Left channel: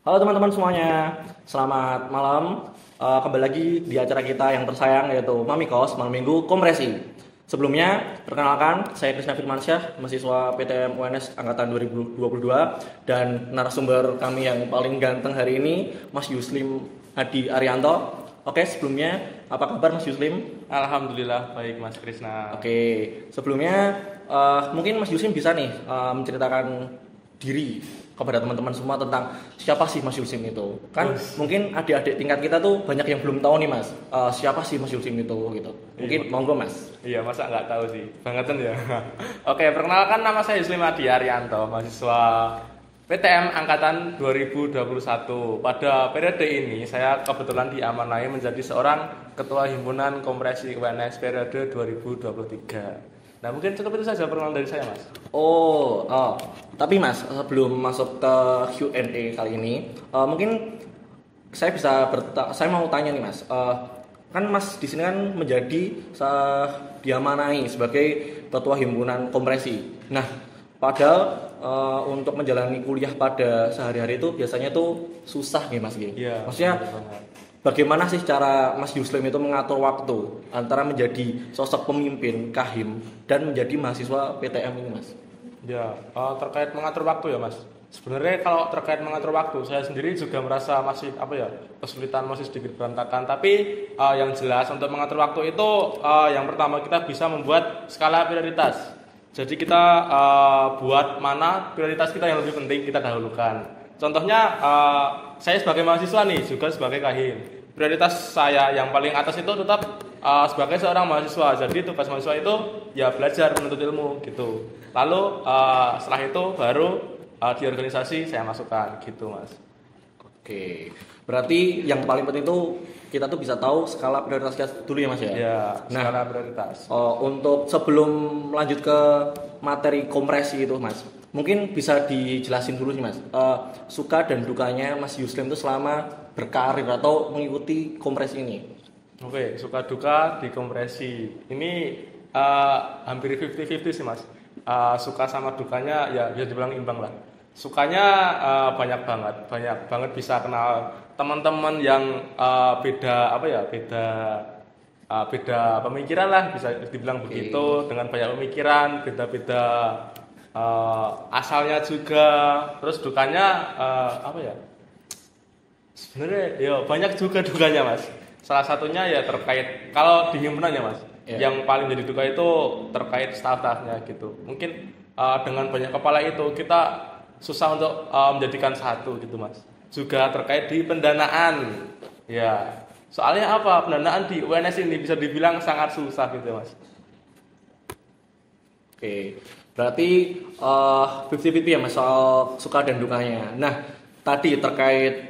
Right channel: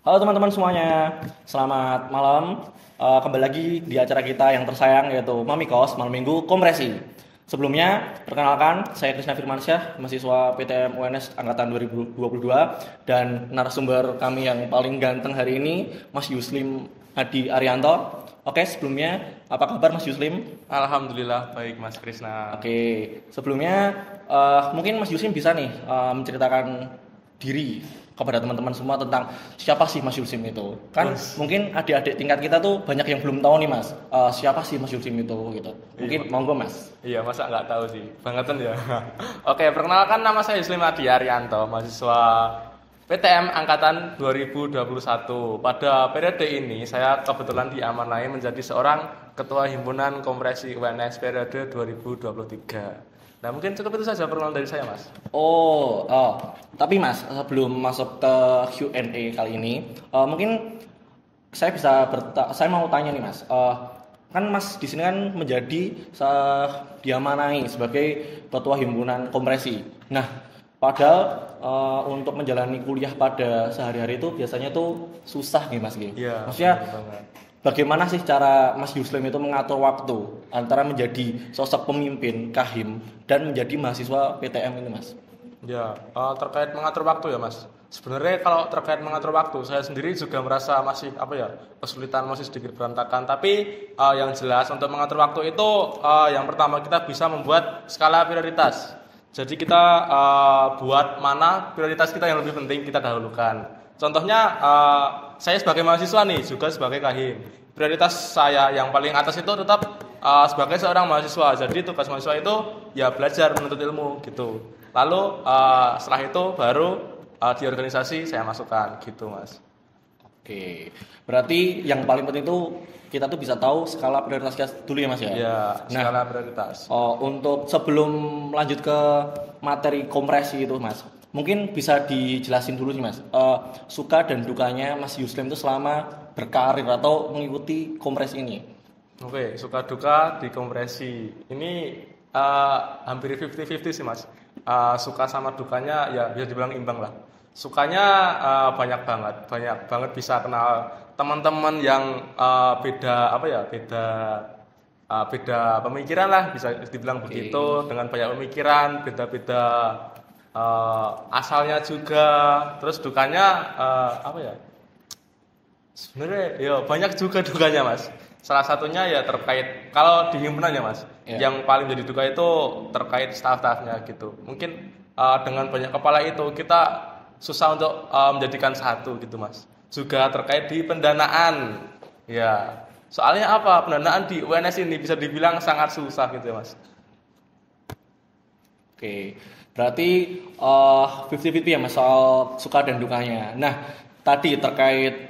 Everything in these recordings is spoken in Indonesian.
Halo teman-teman semuanya, selamat malam. Kembali lagi di acara kita yang tersayang yaitu Mamikos, Malam Minggu Kompresi. Sebelumnya, perkenalkan, saya Krisna Firmansyah, mahasiswa PTM UNS Angkatan 2022 dan narasumber kami yang paling ganteng hari ini, Mas Yuslim Hadi Arianto. Oke, sebelumnya apa kabar Mas Yuslim? Alhamdulillah baik Mas Krisna. Oke, sebelumnya mungkin Mas Yuslim bisa nih menceritakan diri kepada teman-teman semua tentang siapa sih Mas Yulsim itu. Kan mungkin adik-adik tingkat kita tuh banyak yang belum tahu nih Mas, siapa sih Mas Yulsim itu gitu. Mungkin monggo Mas. Iya, masa nggak tahu sih, bangetan ya. Oke, perkenalkan nama saya Yuslim Adi Arianto, mahasiswa PTM Angkatan 2021. Pada periode ini saya kebetulan diamanai menjadi seorang Ketua Himpunan Kompresi UNS periode 2023. Nah, mungkin cukup itu saja perkenalan dari saya, Mas. Tapi Mas, sebelum masuk ke Q&A kali ini, mungkin saya mau tanya nih Mas. Kan Mas di sini kan menjadi diamanai sebagai ketua himpunan kompresi. Nah, padahal untuk menjalani kuliah pada sehari-hari itu biasanya tuh susah nih Mas gitu. Iya. Maksudnya bagaimana sih cara Mas Yuslim itu mengatur waktu antara menjadi sosok pemimpin Kahim dan menjadi mahasiswa PTM ini Mas? Ya, terkait mengatur waktu ya Mas. Sebenarnya kalau terkait mengatur waktu, saya sendiri juga merasa masih kesulitan, masih sedikit berantakan. Tapi yang jelas untuk mengatur waktu itu yang pertama kita bisa membuat skala prioritas. Jadi kita buat mana prioritas kita yang lebih penting kita dahulukan. Contohnya saya sebagai mahasiswa nih, juga sebagai kahim. Prioritas saya yang paling atas itu tetap sebagai seorang mahasiswa. Jadi tugas mahasiswa itu ya belajar menuntut ilmu gitu. Lalu setelah itu baru di organisasi saya masukkan gitu Mas. Oke, berarti yang paling penting itu kita tuh bisa tahu skala prioritas kita dulu ya Mas ya? Ya, Nah, skala prioritas. untuk sebelum lanjut ke materi kompresi itu Mas, mungkin bisa dijelasin dulu sih Mas, suka dan dukanya Mas Yuslim itu selama berkarir atau mengikuti kompresi ini. Oke, suka duka di kompresi. Ini hampir 50-50 sih Mas. Suka sama dukanya ya bisa dibilang imbang lah. Sukanya banyak banget bisa kenal teman-teman yang beda pemikiran lah, bisa dibilang begitu, dengan banyak pemikiran, beda-beda asalnya juga. Terus dukanya sebenarnya ya banyak juga dukanya Mas. Salah satunya ya terkait kalau di himpunan ya Mas, yang paling jadi duka itu terkait staff-staffnya gitu. Mungkin dengan banyak kepala itu kita susah untuk menjadikan satu gitu Mas. Juga terkait di pendanaan, ya soalnya apa, pendanaan di UNS ini bisa dibilang sangat susah gitu Mas. Oke, berarti 50-50 ya Mas soal suka dan dukanya. Nah, tadi terkait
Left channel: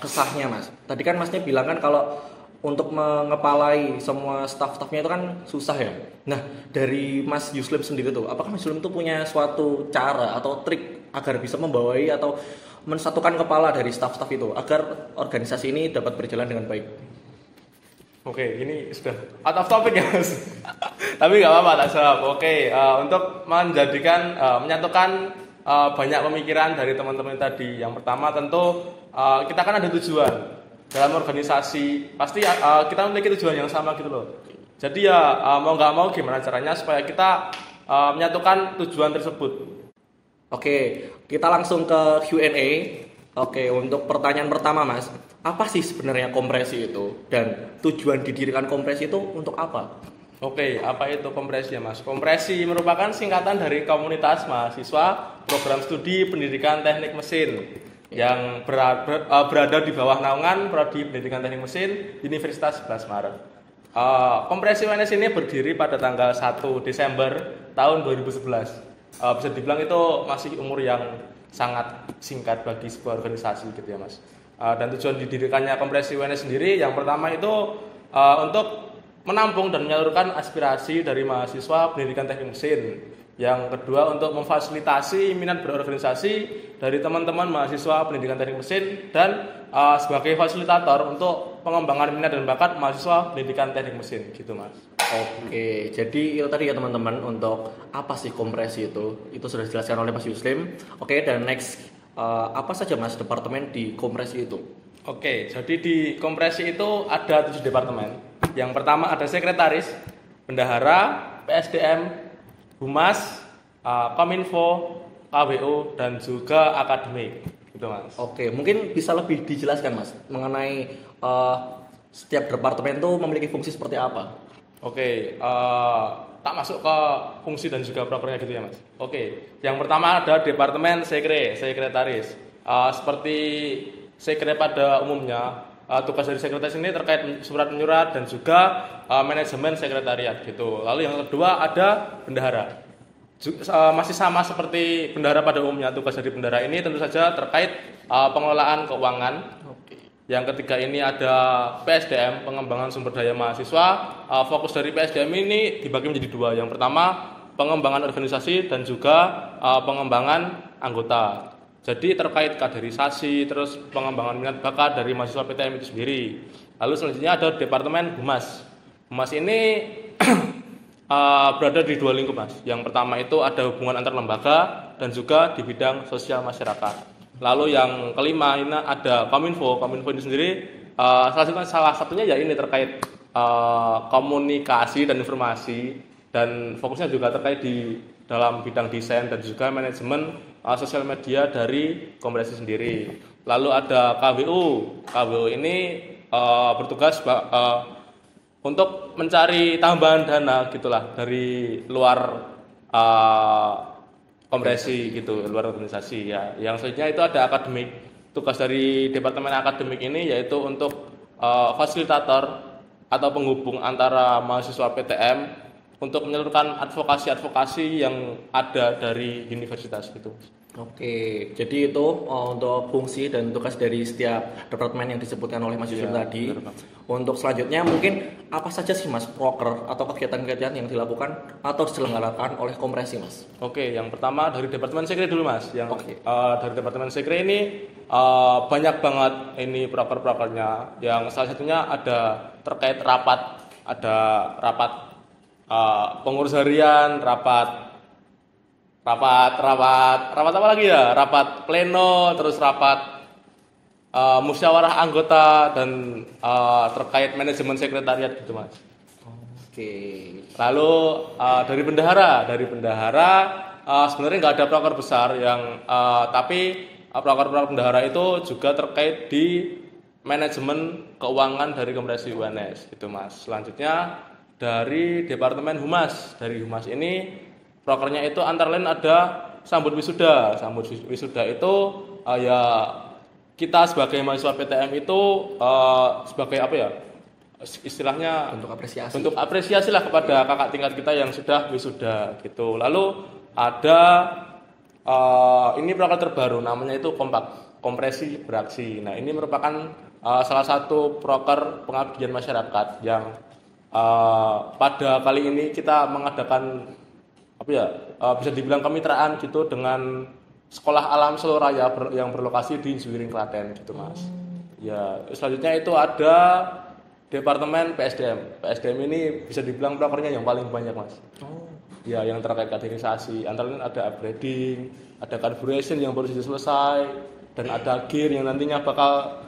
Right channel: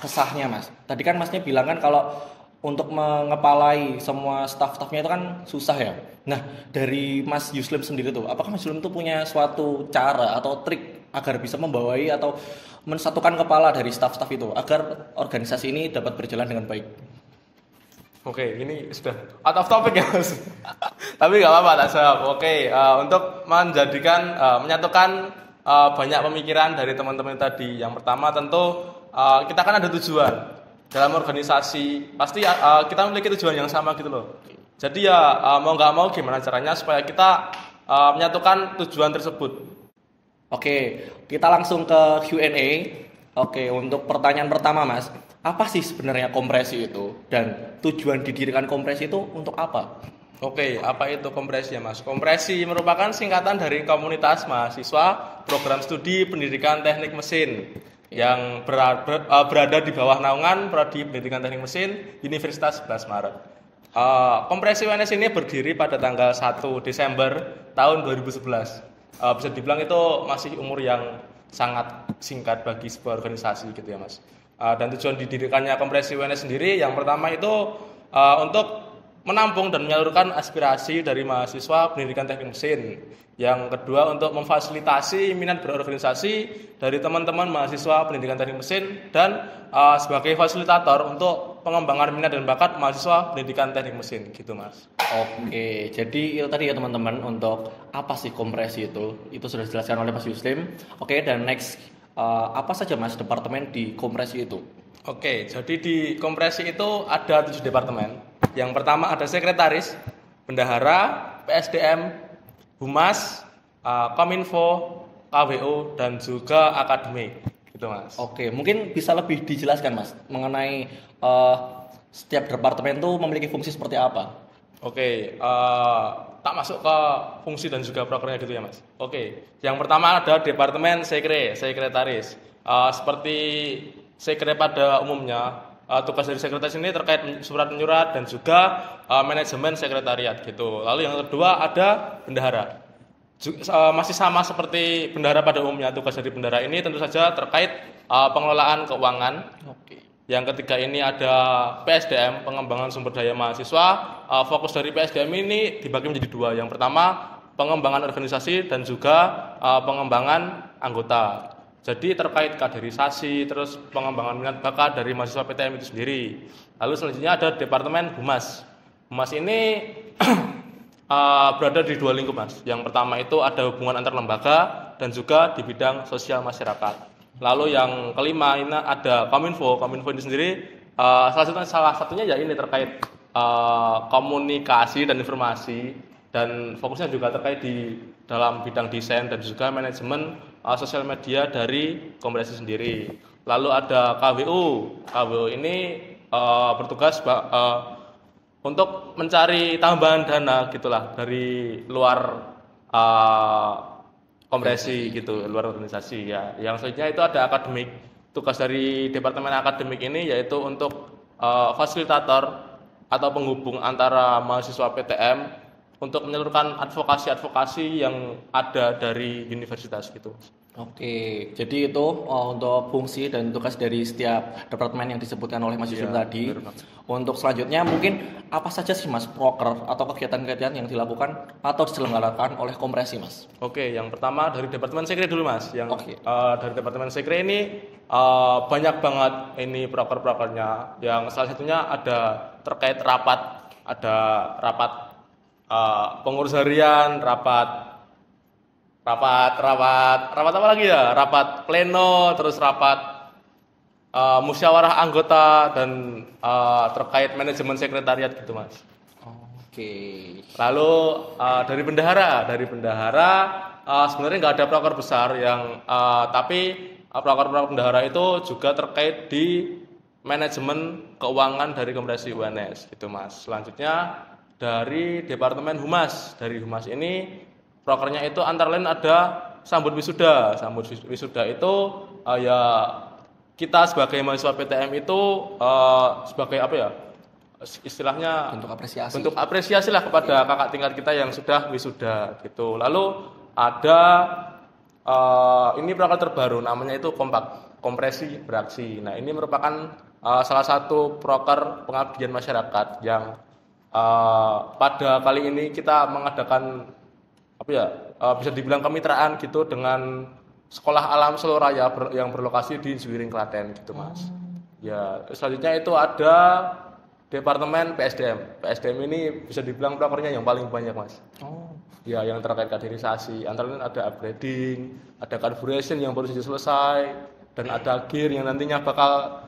kesahnya Mas. Tadi kan Masnya bilang kan kalau untuk mengepalai semua staff-staffnya itu kan susah ya. Nah, dari Mas Yuslim sendiri tuh, apakah Mas Yuslim tuh punya suatu cara atau trik agar bisa membawai atau mensatukan kepala dari staff-staff itu agar organisasi ini dapat berjalan dengan baik? Oke, ini sudah out of topic ya Mas. Tapi nggak apa-apa, tak jawab. Oke, untuk menyatukan banyak pemikiran dari teman-teman tadi. Yang pertama tentu kita kan ada tujuan dalam organisasi. Pasti kita memiliki tujuan yang sama gitu loh. Jadi ya mau nggak mau gimana caranya supaya kita menyatukan tujuan tersebut. Oke, kita langsung ke Q&A. Oke, untuk pertanyaan pertama Mas, apa sih sebenarnya kompresi itu dan tujuan didirikan kompresi itu untuk apa? Oke, apa itu kompresi ya Mas? Kompresi merupakan singkatan dari komunitas mahasiswa program studi pendidikan teknik mesin yang berada di bawah naungan Prodi Pendidikan Teknik Mesin Universitas 11 Maret. Kompresi UNS ini berdiri pada tanggal 1 Desember tahun 2011. Bisa dibilang itu masih umur yang sangat singkat bagi sebuah organisasi gitu ya Mas. Dan tujuan didirikannya kompresi UNS sendiri yang pertama itu untuk menampung dan menyalurkan aspirasi dari mahasiswa pendidikan teknik mesin. Yang kedua untuk memfasilitasi minat berorganisasi dari teman-teman mahasiswa pendidikan teknik mesin dan sebagai fasilitator untuk pengembangan minat dan bakat mahasiswa pendidikan teknik mesin gitu Mas. Oke, jadi itu tadi ya teman-teman untuk apa sih kompresi itu sudah dijelaskan oleh Mas Yuslim. Oke, dan next apa saja Mas departemen di Kompresi itu? Oke, jadi di Kompresi itu ada 7 departemen. Yang pertama ada sekretaris, bendahara, PSDM, Humas, Kominfo, KWO, dan juga akademik. Gitu Mas. Oke, mungkin bisa lebih dijelaskan Mas mengenai setiap departemen itu memiliki fungsi seperti apa? Oke, tak masuk ke fungsi dan juga programnya gitu ya Mas. Oke, yang pertama ada departemen sekretaris. Seperti sekre pada umumnya, tugas dari sekretaris ini terkait surat menyurat dan juga manajemen sekretariat gitu. Lalu yang kedua ada bendahara. Masih sama seperti bendahara pada umumnya, tugas dari bendahara ini tentu saja terkait pengelolaan keuangan. Oke. Yang ketiga ini ada PSDM, pengembangan sumber daya mahasiswa. Fokus dari PSDM ini dibagi menjadi 2. Yang pertama pengembangan organisasi dan juga pengembangan anggota. Jadi terkait kaderisasi, terus pengembangan minat bakat dari mahasiswa PTM itu sendiri. Lalu selanjutnya ada departemen Humas. Humas ini berada di 2 lingkup Mas. Yang pertama itu ada hubungan antar lembaga dan juga di bidang sosial masyarakat. Lalu yang kelima ini ada Kominfo. Kominfo ini sendiri salah satunya ya ini terkait komunikasi dan informasi, dan fokusnya juga terkait di dalam bidang desain dan juga manajemen sosial media dari Kompresi sendiri. Lalu ada KWU. KWU ini bertugas untuk mencari tambahan dana gitulah dari luar Kompresi gitu, luar organisasi ya. Yang selanjutnya itu ada akademik. Tugas dari departemen akademik ini yaitu untuk fasilitator atau penghubung antara mahasiswa PTM untuk menyalurkan advokasi-advokasi yang ada dari universitas gitu. Oke, jadi itu untuk fungsi dan tugas dari setiap departemen yang disebutkan oleh Mas Yusuf tadi. Untuk selanjutnya mungkin apa saja sih Mas proker atau kegiatan-kegiatan yang dilakukan atau diselenggarakan oleh Kompresi Mas? Oke, yang pertama dari departemen sekre dulu Mas. Yang dari departemen sekre ini banyak banget ini proker-prokernya. Yang salah satunya ada terkait rapat, ada rapat pengurus harian, rapat apa lagi ya? Rapat pleno, terus rapat musyawarah anggota dan terkait manajemen sekretariat gitu Mas. Oke. Lalu dari bendahara sebenarnya nggak ada proker besar yang tapi proker-proker bendahara itu juga terkait di manajemen keuangan dari Kompresi UNS gitu Mas. Selanjutnya dari departemen Humas. Dari Humas ini prokernya itu antara lain ada sambut wisuda. Sambut wisuda itu ya kita sebagai mahasiswa PTM itu sebagai apa ya? Istilahnya bentuk apresiasi lah kepada kakak tingkat kita yang sudah wisuda gitu. Lalu ada ini proker terbaru namanya itu Kompresi Beraksi. Nah, ini merupakan salah satu proker pengabdian masyarakat yang pada kali ini kita mengadakan apa ya bisa dibilang kemitraan gitu dengan Sekolah Alam Seloraya yang berlokasi di Zwiring Klaten gitu Mas. Ya, selanjutnya itu ada departemen PSDM. PSDM ini bisa dibilang prokernya yang paling banyak Mas. Ya, yang terkait kaderisasi, antara lain ada upgrading, ada carburation yang baru saja selesai, dan ada gear yang nantinya bakal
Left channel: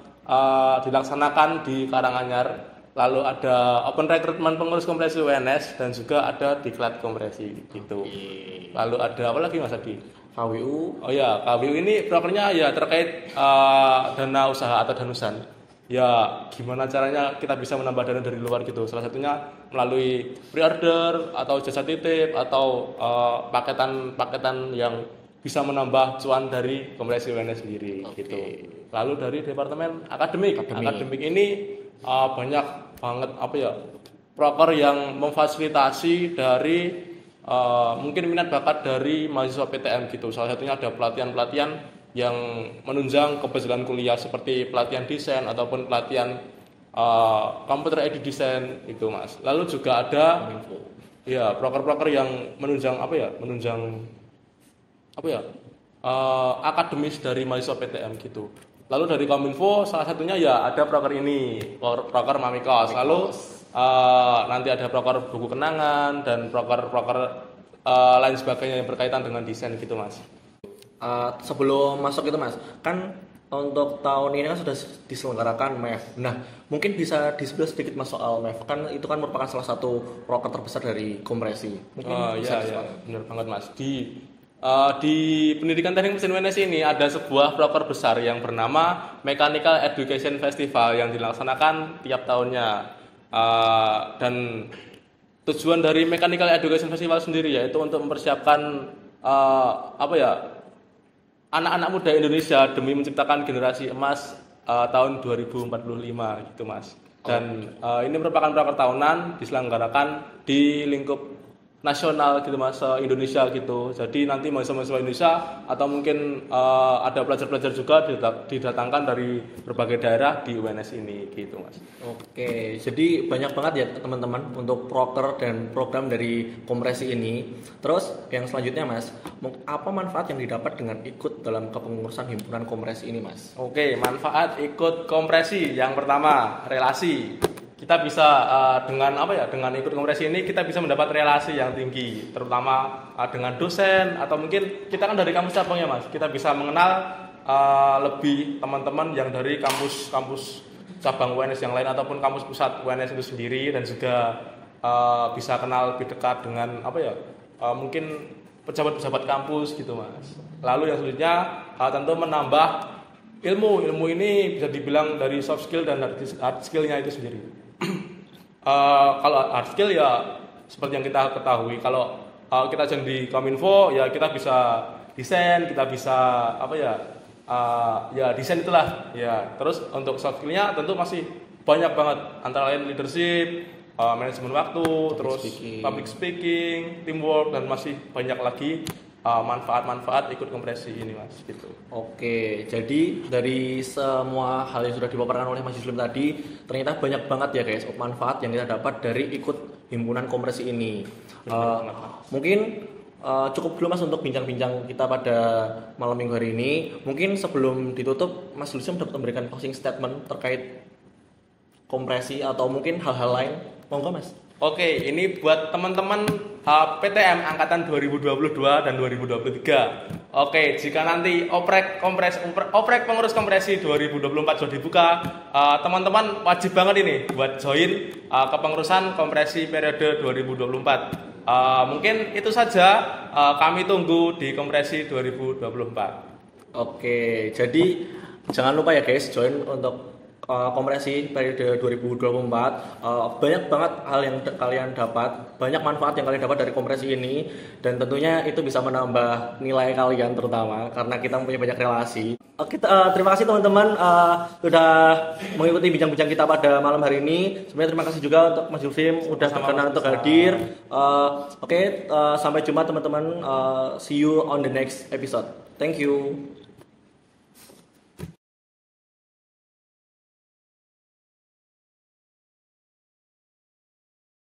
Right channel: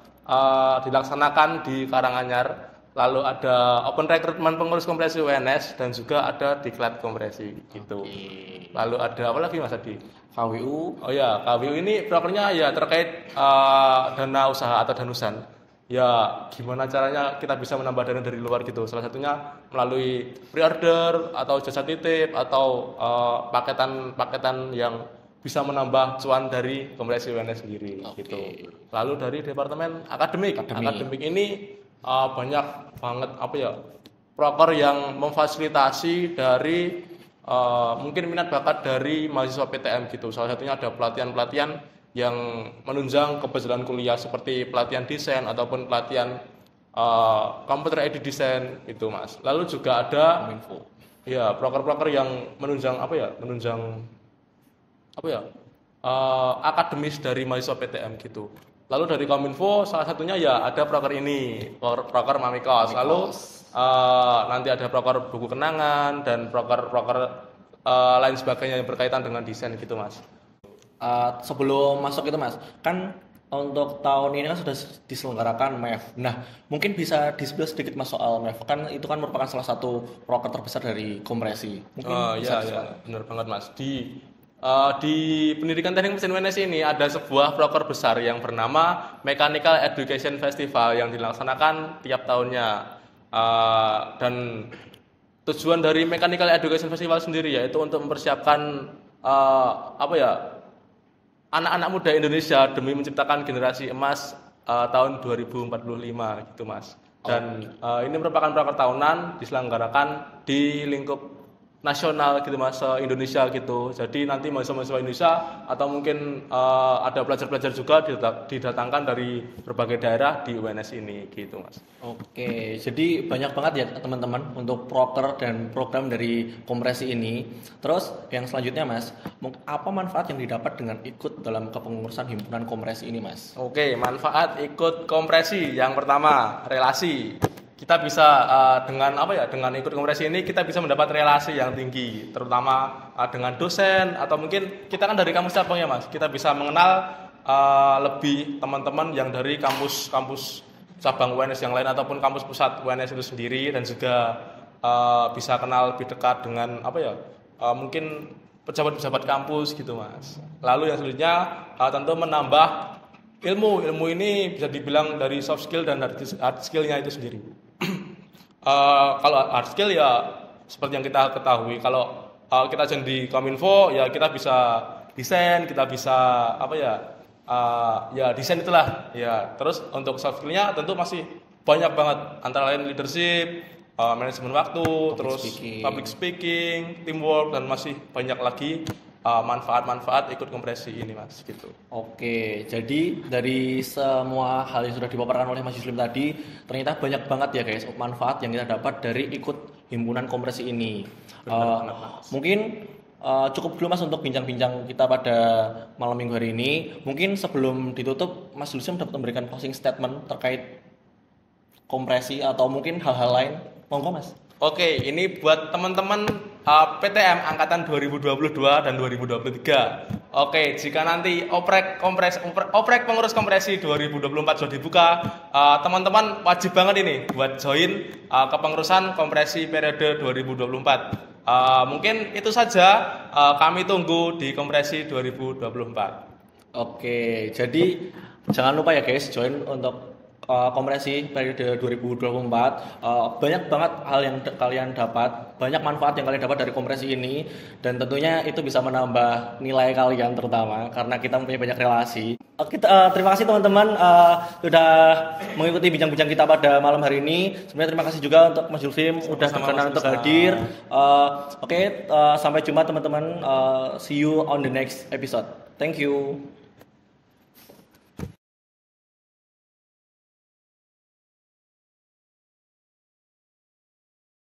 dilaksanakan di Karanganyar. Lalu ada open recruitment pengurus Kompresi UNS dan juga ada diklat Kompresi gitu. Lalu ada apa lagi Mas Adi? KWU. Oh ya, KWU ini prokernya ya terkait dana usaha atau danusan. Ya, gimana caranya kita bisa menambah dana dari luar gitu. Salah satunya melalui pre-order atau jasa titip atau paketan-paketan yang bisa menambah cuan dari Kompresi UNS sendiri gitu. Lalu dari departemen akademik ini banyak banget apa ya proker yang memfasilitasi dari mungkin minat bakat dari mahasiswa PTM gitu. Salah satunya ada pelatihan-pelatihan yang menunjang keberjalanan kuliah seperti pelatihan desain ataupun pelatihan computer aided design itu Mas. Lalu juga ada ya proker-proker yang menunjang akademis dari mahasiswa PTM gitu. Lalu dari Kominfo salah satunya ya ada proker ini, proker Mamikos. Lalu nanti ada proker buku kenangan dan proker lain sebagainya yang berkaitan dengan desain gitu Mas. sebelum masuk itu Mas, kan untuk tahun ini kan sudah diselenggarakan MEF. Nah, mungkin bisa di-spill sedikit Mas soal MEF. Kan itu kan merupakan salah satu proker terbesar dari kompresi. Mungkin bisa Iya, benar banget Mas. Di pendidikan teknik mesin UNS ini ada sebuah proker besar yang bernama Mechanical Education Festival yang dilaksanakan tiap tahunnya. Dan tujuan dari Mechanical Education Festival sendiri yaitu untuk mempersiapkan anak-anak muda Indonesia demi menciptakan generasi emas tahun 2045 gitu Mas. Dan ini merupakan proker tahunan diselenggarakan di lingkup nasional gitu Mas, Indonesia gitu. Jadi nanti mahasiswa Indonesia atau mungkin ada pelajar-pelajar juga didatangkan dari berbagai daerah di UNS ini gitu Mas. Oke, jadi banyak banget ya teman-teman untuk proker dan program dari kompresi ini. Terus yang selanjutnya Mas, apa manfaat yang didapat dengan ikut dalam kepengurusan himpunan kompresi ini Mas? Oke, manfaat ikut kompresi yang pertama relasi. Kita bisa dengan ikut kompresi ini kita bisa mendapat relasi yang tinggi, terutama dengan dosen atau mungkin kita kan dari kampus cabang ya Mas. Kita bisa mengenal lebih teman-teman yang dari kampus cabang UNS yang lain ataupun kampus pusat UNS itu sendiri, dan juga bisa kenal lebih dekat dengan mungkin pejabat-pejabat kampus gitu Mas. Lalu yang selanjutnya tentu menambah ilmu ini bisa dibilang dari soft skill dan hard skill-nya itu sendiri. Kalau hard skill ya seperti yang kita ketahui, kalau kita sedang di Kominfo ya kita bisa desain, kita bisa desain itulah ya. Terus untuk soft skill-nya tentu masih banyak banget, antara lain leadership, manajemen waktu, public speaking, teamwork, dan masih banyak lagi manfaat-manfaat ikut kompresi ini Mas gitu. Oke, jadi dari semua hal yang sudah dipaparkan oleh Mas Yuslim tadi, ternyata banyak banget ya guys manfaat yang kita dapat dari ikut himpunan kompresi ini. Mungkin cukup dulu Mas untuk bincang-bincang kita pada malam minggu hari ini. Mungkin sebelum ditutup Mas Yuslim dapat memberikan closing statement terkait kompresi atau mungkin hal-hal lain. Monggo Mas. Oke, ini buat teman-teman PTM angkatan 2022 dan 2023. Oke, jika nanti oprek pengurus kompresi 2024 sudah dibuka, teman-teman wajib banget ini buat join kepengurusan kompresi periode 2024. Mungkin itu saja, kami tunggu di kompresi 2024. Oke, jadi jangan lupa ya guys join untuk kompresi periode 2024. Banyak banget hal yang kalian dapat, banyak manfaat yang kalian dapat dari kompresi ini, dan tentunya itu bisa menambah nilai kalian terutama karena kita mempunyai banyak relasi. Terima kasih teman-teman sudah mengikuti bincang-bincang kita pada malam hari ini. Sebenarnya terima kasih juga untuk Mas Yuslim udah berkenan untuk hadir. Sampai jumpa teman-teman. See you on the next episode. Thank you.